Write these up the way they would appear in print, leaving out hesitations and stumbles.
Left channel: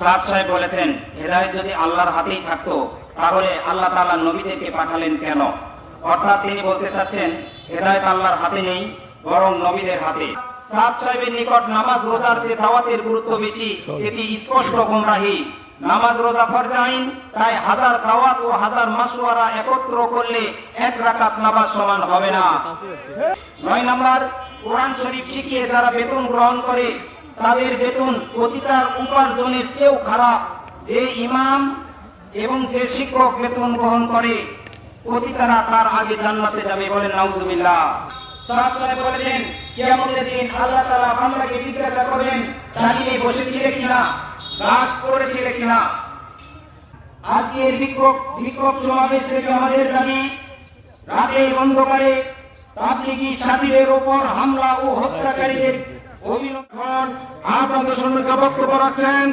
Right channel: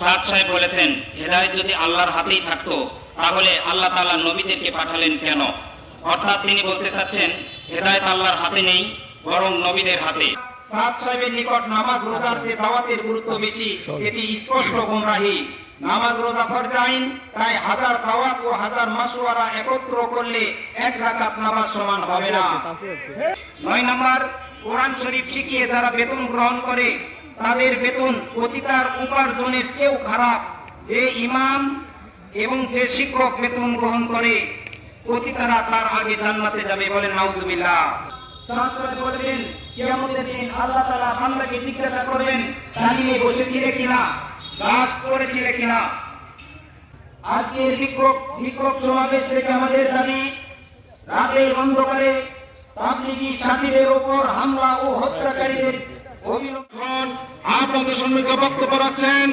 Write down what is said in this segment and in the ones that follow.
সাদ সাহেব বলেছেন, হেদায়েত যদি আল্লাহর হাতেই থাকতো তাহলে আল্লাহ তাআলা নবীদেরকে পাঠালেন কেন? অর্থাৎ তিনি বলতে চাচ্ছেন হেদায়েত আল্লাহর হাতে নেই, বরং নবীদের হাতে। সাদ সাহেবের নিকট নামাজ রোজার যে দাওয়াতের গুরুত্ব বেশি, এটি স্পষ্ট গুমরাহি। নামাজ রোজা ফরজ আইন, তাই হাজার দাওয়াত ও হাজার মাসওয়ারা একত্র করলে এক রাকাত নামাজ সমান হবে না। 9 নাম্বার, কোরআন শরীফ শিখিয়ে যারা বেতন গ্রহণ করে তাদের বেতন প্রতিটার উপার্জনের চেয়েও খারাপ। যে ইমাম এবং যে শিক্ষক বেতন গ্রহণ করে প্রতিটারা তার আগে জান্নাতে যাবে, বলেন নাউজুবিল্লাহ। সাদ সাহেব বলেছেন, কিয়ামতের দিন আল্লাহ তাআলা বান্দাকে জিজ্ঞাসা করবেন, তালিমে বসেছিলে কিনা, কাজ করেছিলে কিনা। আজকের বিক্ষোভ সমাবেশ থেকে আমাদের দাবি, রাতের অন্ধকারে তাবলীগী সাথীদের উপর হামলা ও হত্যাকারীদের অভিনন্দন। আপনাদের সম্মুখে বক্তব্য রাখছেন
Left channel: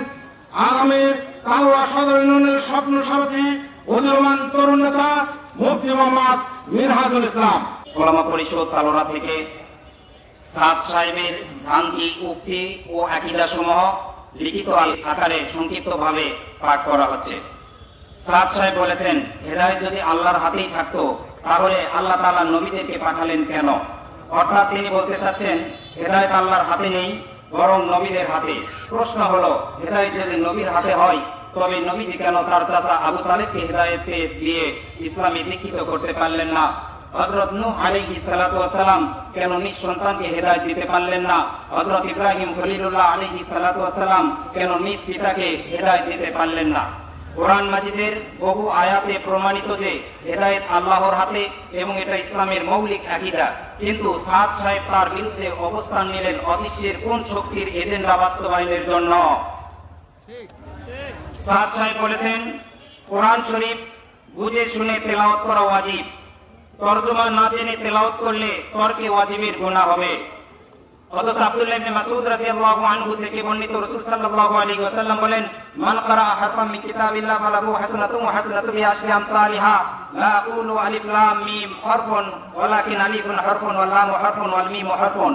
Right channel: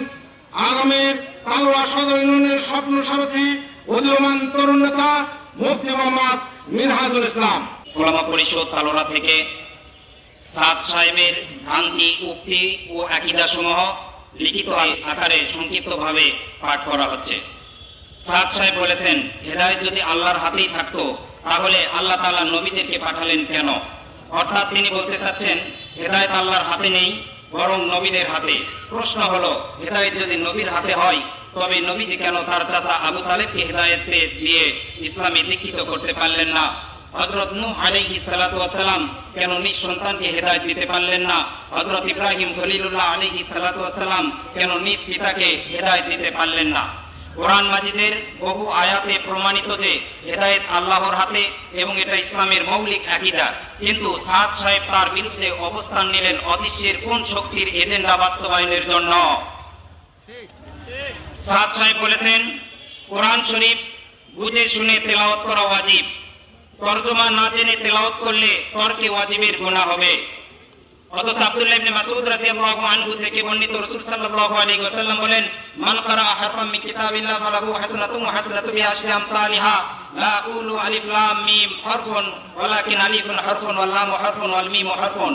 আগামী কাউরা সদর ইউনিয়নের স্বপ্ন সারথী উদীয়মান তরুণ নেতা মুফতি মোহাম্মদ মিনহাজুল ইসলাম। ওলামা পরিষদ তালোড়া থেকে সাদ সাহেবের ভ্রান্তি, উক্তি ও আকীদা সমূহ লিখিত আকারে সংক্ষিপ্তভাবে পাঠ করা হচ্ছে। সাদ সাহেব বলেছেন, হেদায়েত যদি আল্লাহর হাতেই থাকতো তাহলে আল্লাহ তাআলা নবীদেরকে পাঠালেন কেন? অর্থাৎ তিনি বলতে চাচ্ছেন হেদায়েত আল্লাহর হাতে নেই, বরং নবীদের হাতে। প্রশ্ন হলো, হেদায়েত যদি নবীর হাতে হয় তবে নবীজি কেন তার চাচা আবু তালেবকে হেদায়েত দিয়ে ইসলামে দীক্ষিত করতে পারলেন না? হযরত নূহ আলাইহিস সালাতু ওয়াস সালাম কেন নিজ সন্তানকে হেদায়েত দিতে পারলেন না? হযরত ইব্রাহিম খলিলুল্লাহ আলাইহিস সালাতু ওয়াস সালাম কেন নিজ পিতাকে হেদায়েত দিতে পারলেন না? কোরআন মাজিদের বহু আয়াতে প্রমাণিত যে হেদায়েত আল্লাহর হাতে এবং এটা ইসলামের মৌলিক আকীদা। কিন্তু সাদ সাহেব তার বিরুদ্ধে অবস্থান নিলেন অদৃশ্যের কোন শক্তির এজেন্ডা বাস্তবায়নের জন্য। সাদ সাহেব বলেছেন, কোরআন শরীফ বুঝে শুনে তেলাওয়াত করা ওয়াজিব, তরজমা না জেনে তেলাওয়াত করলে তর্কে ওয়াজিবের গুনাহ হবে। অথচ আব্দুল্লাহ ইবনে মাসউদ রাদিয়াল্লাহু আনহু থেকে বর্ণিত, রাসূল সাল্লাল্লাহু আলাইহি ওয়াসাল্লাম বলেন, মান ক্বারাআ হারফাম মিন কিতাবিল্লাহ ফালাহু হাসানাতুন ওয়া হাসানাতু বিআশরি আমসালিহা লা আকুলু আলিফ লাম মিম হারফুন ওয়ালাকিন আলিফুন হারফুন ওয়াল লামু হারফুন ওয়াল মিমু হারফুন।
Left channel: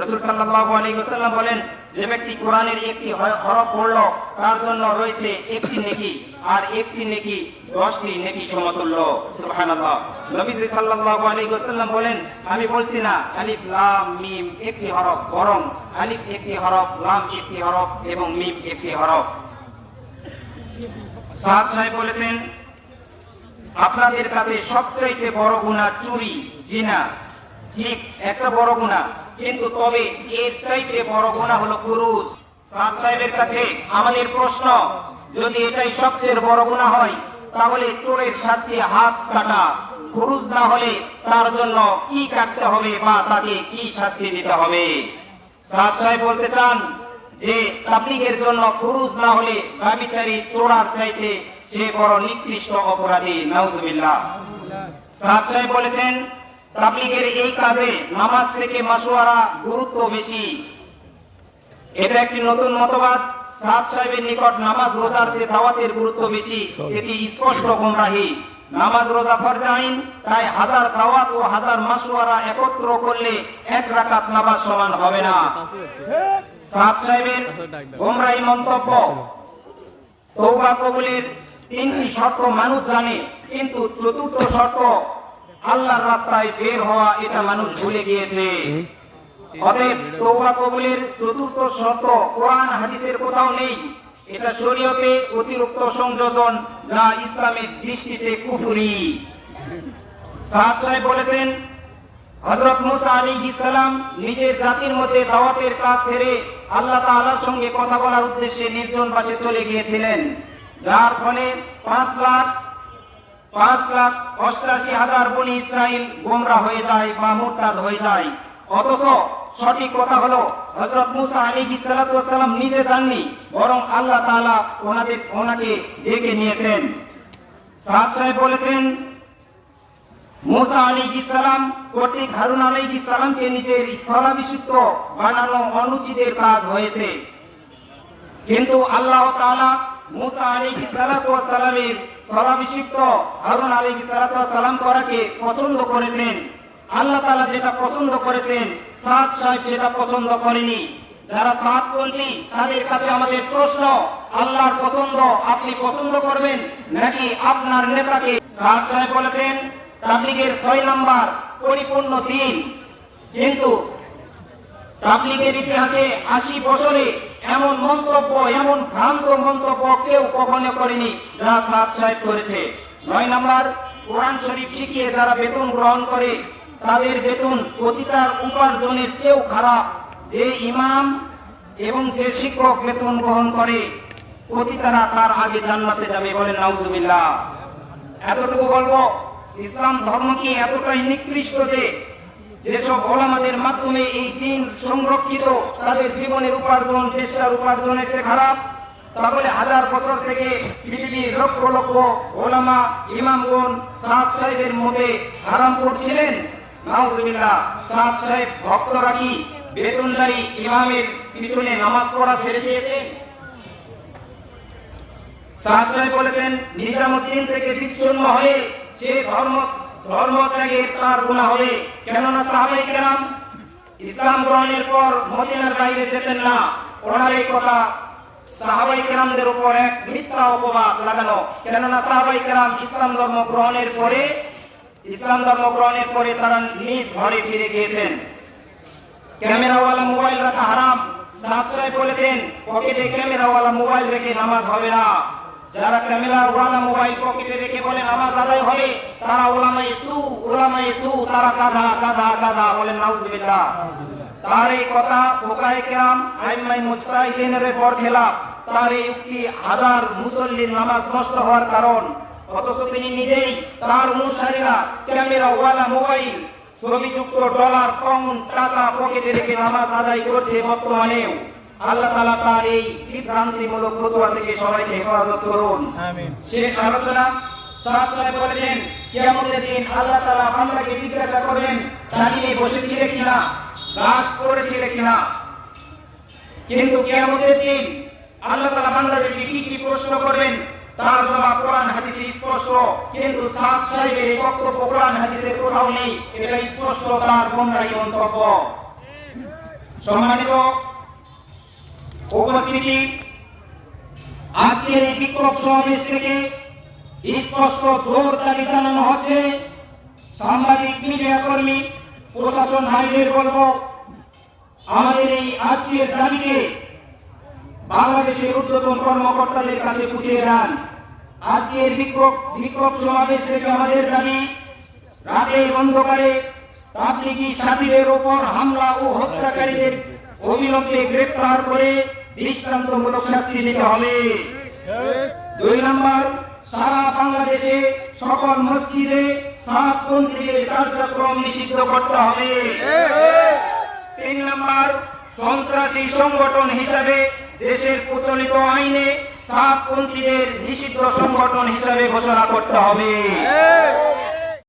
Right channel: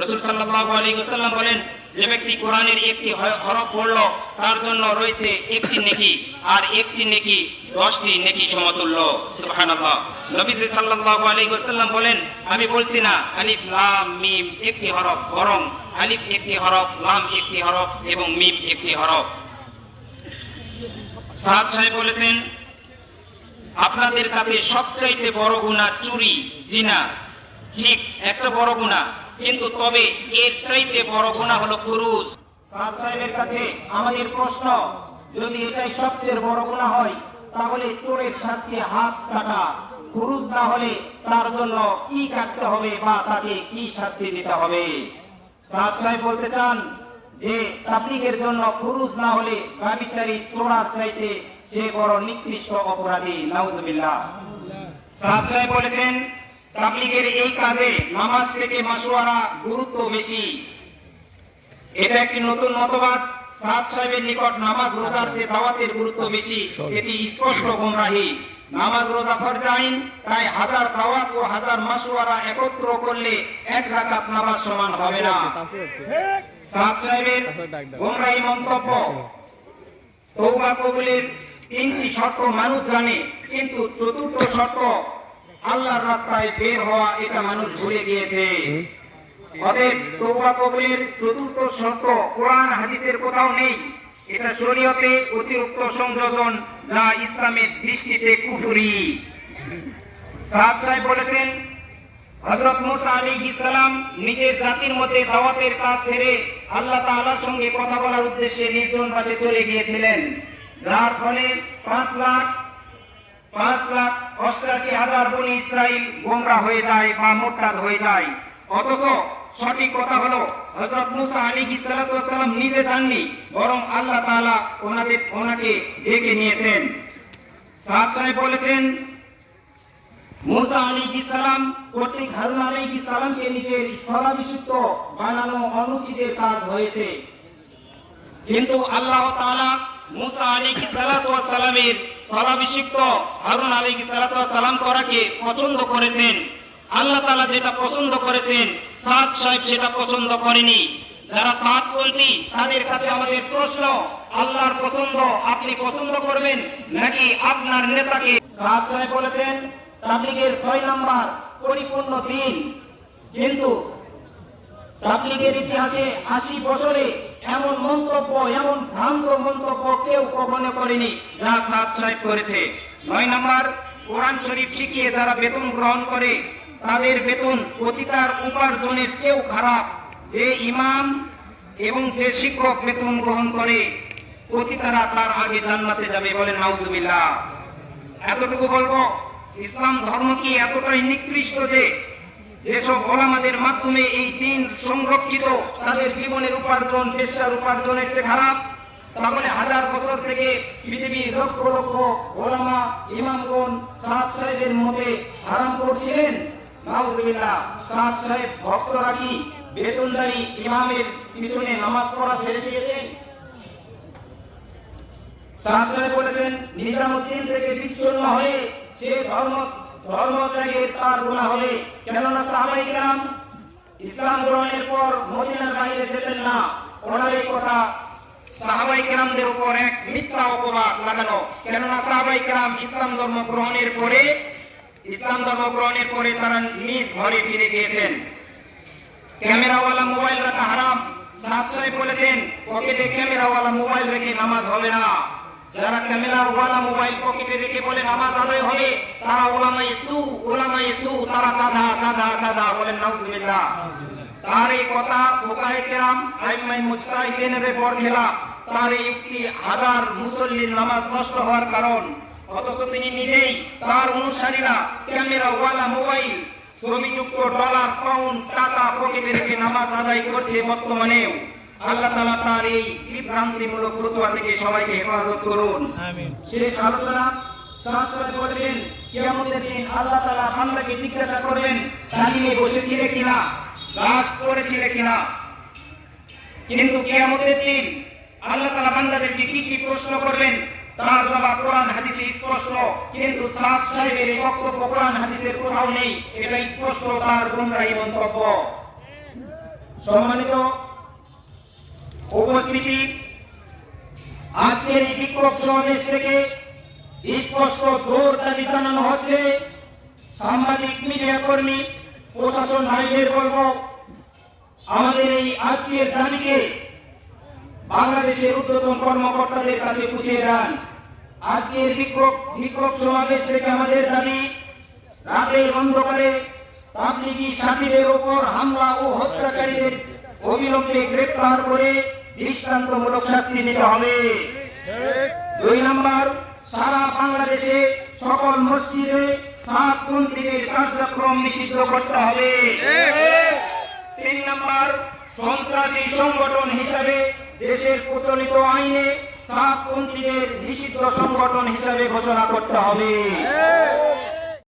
রাসূল সাল্লাল্লাহু আলাইহি ওয়াসাল্লাম বলেন, যে ব্যক্তি কোরআনের একটি হরফ পড়ল তার জন্য রয়েছে একটি নেকি, আর একটি নেকি 10টি নেকি সমতুল্য। সুবহানাল্লাহ। নবীজি সাল্লাল্লাহু আলাইহি ওয়াসাল্লাম বলেন, আমি বলছি না আলিফ লাম মিম একটি হরফ, বরং আলিফ একটি হরফ, লাম একটি হরফ এবং মিম একটি হরফ। সাদ সাহেব বলেছেন, আপনাদের কাছে সবচাইতে বড় গুনাহ চুরি, জিনা। ঠিক, একটা বড় গুনাহ, কিন্তু তবে এর চাইতে বড় গুনাহ হলো ফুরুজ। সাদ সাহেবের কাছে আমাদের প্রশ্ন, যদি এটাই সবচেয়ে বড় গুনাহ হয় তাহলে চোরের শাস্তি হাত কাটা, ফুরুজ না হলে তার জন্য কি কাটতে হবে বা তাকে কি শাস্তি দিতে হবে? সাদ সাহেব বলতে চান যে তাবলীগের জন্য ফুরুজ না হলে ব্যভিচারী চোরার চাইতে সে বড় নিকৃষ্ট অপরাধী। নাউজুবিল্লাহ। সাদ সাহেব বলেছেন, তাবলীগের এই কাজে নামাজ থেকে মাসওয়ারা গুরুত্ব বেশি। এটা একটি নতুন মতবাদ। সাদ সাহেবের নিকট নামাজ রোজার যে দাওয়াতের গুরুত্ব বেশি, এটি স্পষ্ট গুমরাহি। নামাজ রোজা ফরজ আইন, তাই হাজার দাওয়াত ও হাজার মাসওয়ারা একত্র করলে এক রাকাত নামাজ সমান হবে না। সাদ সাহেবের গুমরাহি মন্তব্য, তওবা কবুলের 3টি শর্ত মানুষ জানে, কিন্তু 4র্থ শর্ত আল্লাহর রাস্তায় বের হওয়া, এটা মানুষ ভুলে গিয়েছে। অতএব তওবা কবুলের 4র্থ শর্ত কোরআন হাদিসের কোথাও নেই। এটা শরীয়তে অতিরিক্ত সংযোজন, যা ইসলামের দৃষ্টিতে কুফরি। সাদ সাহেব বলেছেন, হযরত মুসা আলাইহিস সালাম নিজের জাতির মধ্যে দাওয়াতের কাজ ছেড়ে আল্লাহ তাআলার সঙ্গে কথা বলার উদ্দেশ্যে নির্জন বাসে চলে গিয়েছিলেন, যার ফলে 5,88,000 বনি ইসরাইল গোমরা হয়ে যায় বা মুরতাদ হয়ে যায়। অথচ সঠিক কথা হলো, হযরত মুসা আলাইহিস সালাতু ওয়াস সালাম নিজে যাননি, বরং আল্লাহ তাআলা ওনাকে ডেকে নিয়েছেন। সাদ সাহেব বলেছেন, মুসা আলাইহিস সালাম কর্তৃক হারুন আলাইহিস সালামকে নিজের স্থলাভিষিক্ত বানানো অনুচিতের কাজ হয়েছে, কিন্তু আল্লাহ তাআলা মুসা আলাইহিস সালাতু ওয়াস সালামের স্থলাভিষিক্ত হারুন আলাইহিস সালাতু ওয়াস সালাম করাকে পছন্দ করেছেন। আল্লাহ তাআলা যেটা পছন্দ করেছেন, সাদ সাহেব সেটা পছন্দ করেনি। যারা সাদপন্থী তাদের কাছে আমাদের প্রশ্ন, আল্লাহর পছন্দ আপনি পছন্দ করবেন নাকি আপনার নেতাকে? সাদ সাহেব বলেছেন তাবলীগের 6 নম্বর পরিপূর্ণ দিন, কিন্তু তাবলীগের ইতিহাসে 80 বছরে এমন মন্তব্য, এমন ভ্রান্ত মন্তব্য কেউ কখনো করেনি যা সাদ সাহেব করেছে। 9 নম্বর, কোরআন শরীফ শিখিয়ে যারা বেতন গ্রহণ করে তাদের বেতন প্রতিটার উপার্জনের চেয়েও খারাপ। যে ইমাম এবং যে শিক্ষক বেতন গ্রহণ করে প্রতিটারা তার আগে জান্নাতে যাবে, বলেন নাউজুবিল্লাহ। এতটুকু বলবো, ইসলাম ধর্ম কি এতটাই নিকৃষ্ট যে যেসব ওলামাদের মাধ্যমে এই দিন সংরক্ষিত, তাদের জীবনের উপার্জন পেশার উপার্জনের চেয়ে খারাপ? তারপরে হাজার বছর থেকে পৃথিবীর লক্ষ লক্ষ ওলামা ইমামগণ সাদ সাহেবের মধ্যে হারাম করছিলেন? নাউজুবিল্লাহ। সাদ সাহেব ভক্তরা কি বেতনদারি ইমামের পিছনে নামাজ পড়া ছেড়ে দিয়েছেন? সাদ সাহেব বলেছেন নিজামুদ্দিন থেকে বিচ্ছিন্ন হয়ে সে ধর্মত্যাগে তার গুনাহ হবে, কেননা সাহাবায়ে কিরাম ইসলাম গ্রহণের পর মদিনার বাইরে যেতেন না। ওনার এই কথা সাহাবায়ে কিরামদের উপর এক মিথ্যা অপবাদ লাগানো, কেননা সাহাবায়ে কিরাম ইসলাম ধর্ম গ্রহণের পরে তারা নিজ ঘরে ফিরে গিয়েছেন। ক্যামেরাওয়ালা মোবাইল রাখা হারাম। সাদ সাহেব বলেছেন পকেটে ক্যামেরাওয়ালা মোবাইল রেখে নামাজ হবে না। যারা ক্যামেরাওয়ালা মোবাইল পকেটে রেখে বলে নামাজ আদায় হবে তারা ওলামা ইসু, তারা গাধা, বলেন নাউজুবিল্লাহ। তার এই কথা ফুকায়ে কেরাম আইম্মায়ে মুজতাহিদিনের বরখেলা। তার এই উক্তি হাজার মুসল্লির নামাজ নষ্ট হওয়ার কারণ। অথচ তিনি নিজেই, তার অনুসারীরা ক্যামেরাওয়ালা মোবাইল, ছবিযুক্ত ডলার, পাউন্ড, টাকা পকেটে রেখে নামাজ আদায় করছে বর্তমানেও। আল্লাহ তাআলা তার এই বিভ্রান্তিমূলক ফতোয়া থেকে সবাইকে হেফাজত করুন। আমিন। শেষ আলোচনা, সাদ সাহেব বলেছেন কিয়ামতের দিন আল্লাহ তাআলা বান্দাকে জিজ্ঞাসা করবেন তালিমে বসেছিলে কিনা, গাছ করেছিলে কিনা। কিন্তু কিয়ামতের দিন আল্লাহ তাআলা বান্দাদেরকে কি প্রশ্ন করবেন তার জবাব কোরআন হাদিসে স্পষ্ট। কিন্তু সাদ সাহেবের এই বক্তব্য কোরআন হাদিসের কোথাও নেই, এটা স্পষ্ট তার গোমরাহী মন্তব্য। সম্মানিত উপস্থিতি, আজকের এই বিক্ষোভ সমাবেশ থেকে স্পষ্ট জোর দাবি জানানো হচ্ছে, সাংবাদিক মিডিয়া কর্মী প্রশাসন ভাইদের বলবো, আমাদের এই আজকের দাবিকে বাংলাদেশের ঊর্ধ্বতন কর্মকর্তাদের কাছে পৌঁছে দেন। আজকের বিক্ষোভ সমাবেশ থেকে আমাদের দাবি, রাতের অন্ধকারে তাবলীগী সাথীদের উপর হামলা ও হত্যাকারীদের অবিলম্বে গ্রেপ্তার করে দৃষ্টান্তমূলক শাস্তি দিতে হবে। 2 নম্বর, সারা বাংলাদেশে সকল মসজিদে সাতপন্থীদের কার্যক্রম নিষিদ্ধ করতে হবে। 3 নম্বর, সন্ত্রাসী সংগঠন হিসাবে দেশের প্রচলিত আইনে সাতপন্থীদের নিষিদ্ধ সংগঠন হিসাবে ঘোষণা করতে হবে।